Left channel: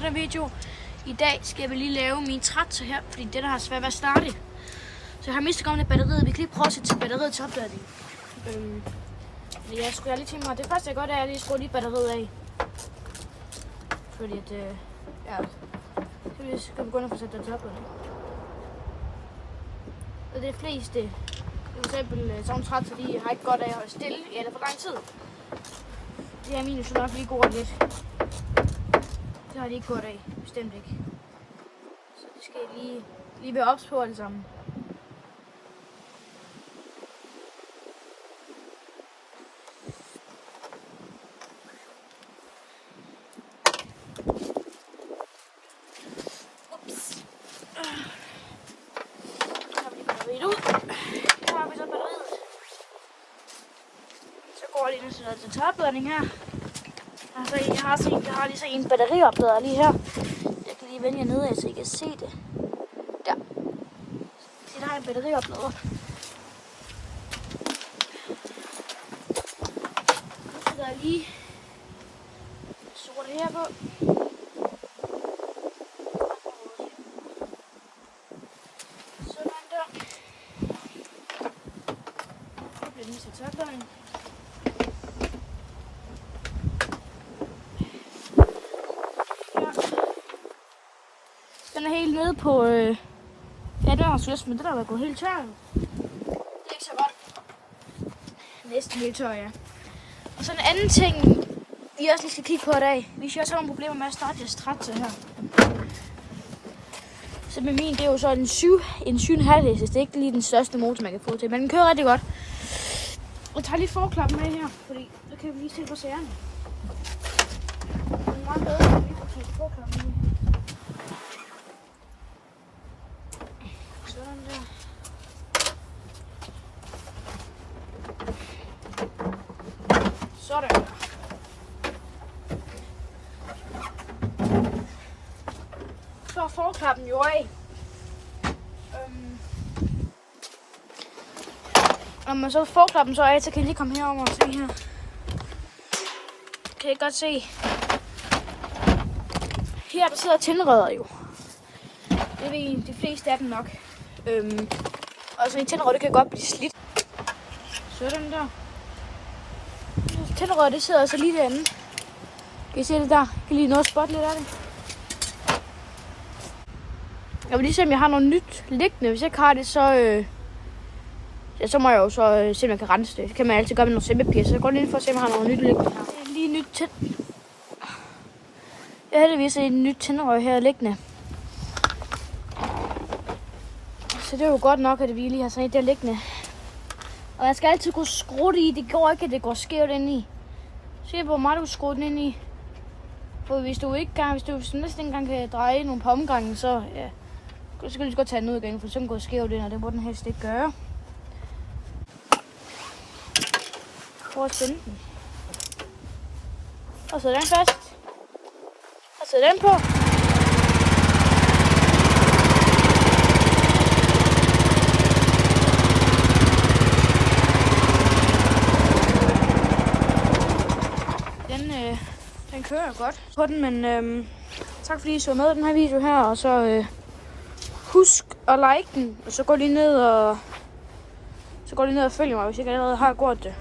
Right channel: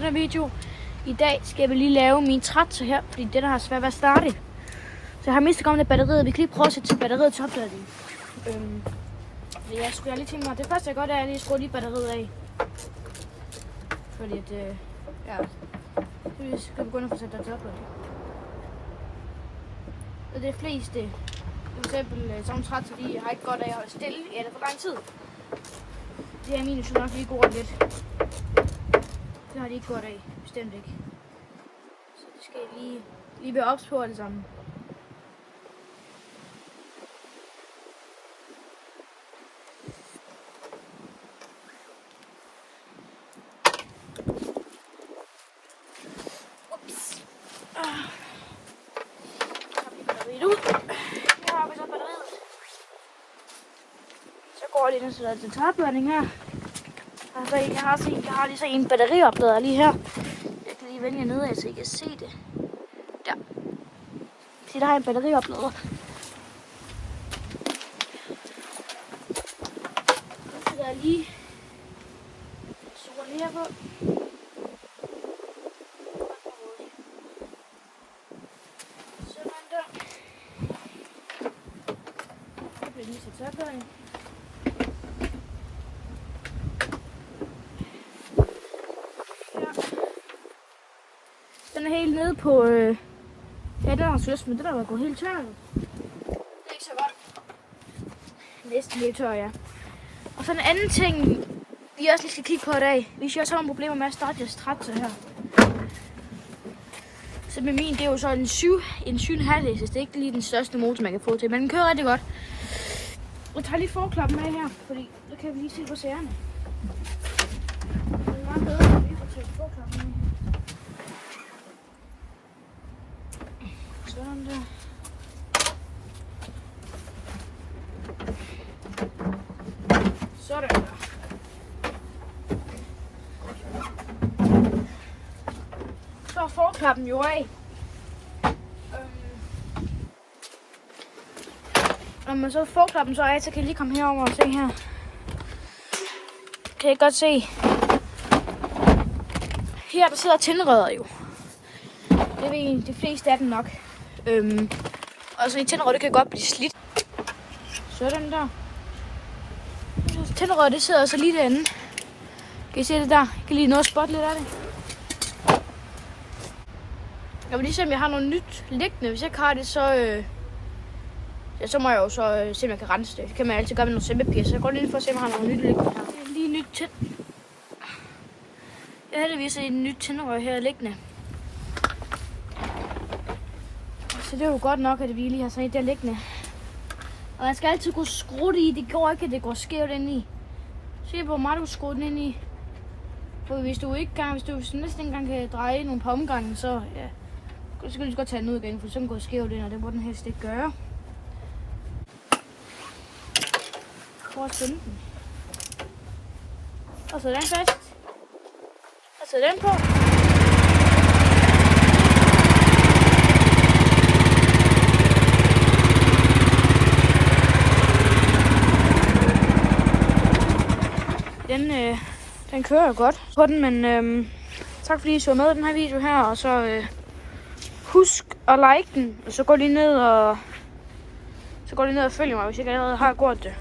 til den video. I dag skal vi lige lave min traktor her, fordi den har svært ved at starte. Så jeg har mistet gamle batteriet. Vi kan lige prøve at sætte batteriet til opladning. Jeg skulle lige tænke mig, det første jeg gør, det er at lige skrue lige batteriet af. Fordi at, så skal vi begynde at få sat det til opladning. Og det fleste, for eksempel sådan traktor, de har ikke godt af at holde stille i alt for lang tid. Det er mine, så nok lige går lidt. Det har de ikke godt af, bestemt ikke. Så det skal lige være ops på det sammen. Ups. Så har vi batteriet ud. Her har vi så batteriet. Så går det næsten til tørrbladning her. Altså, jeg har lige så en batterioplader lige her. Jeg kan lige vende jer nedad, så I kan se det. Der. Se, der har jeg en batterioplader. Nu sætter jeg lige sort her på. Sådan der. Så bliver den lige til tørrbladning. Den er helt nede på, ja, det var også men det der var gået helt tør. Det er ikke så godt. Næsten helt tør, ja. Og så en anden ting, vi også lige skal kigge på i dag. Hvis jeg også har nogle problemer med at starte jeres traktor her. Så med min, det er jo så en 7,5 hestes. Det er ikke lige den største motor, man kan få til, men den kører rigtig godt. Jeg tager lige forklappen med her, fordi så kan vi lige se på sagerne. Det er meget bedre, at vi kan tage forklappen med. Sådan der. Sådan der. Så er forklappen jo af. Når man så forklappen så af, så kan I lige komme herover og se her. Kan I godt se. Her der sidder tændrødder jo. Det er de fleste af dem nok. Og så en tændrød, det kan godt blive slidt. Sådan der. Tændrød, det sidder så lige derinde. Kan I se det der? Jeg kan lige nå at spotte lidt af det. Jeg vil lige se, om jeg har noget nyt liggende. Hvis jeg ikke har det, så må jeg jo så se, om jeg kan rense det. Det kan man altid gøre med noget sæbepis. Så jeg går lige ind for at se, om jeg har noget nyt liggende. Lige nyt tænd. Jeg har heldigvis et nyt tændrød her liggende. Så det er jo godt nok, at vi lige har sådan et der liggende. Og jeg skal altid kunne skrue det i. Det går ikke, at det går skævt ind i. Se hvor meget du skruer den ind i. For hvis du næsten ikke engang kan dreje nogle på omgangen, så ja. Så skal du lige godt tage den ud igen, for så kan den gå skævt ind, og det må den helst ikke gøre. Prøv at spænde den. Og så den fast. Og så den på. Den kører jo godt på den, men tak fordi I så med i den her video her, og så husk at like den, og så gå lige ned og følg mig, hvis I ikke allerede har gjort det.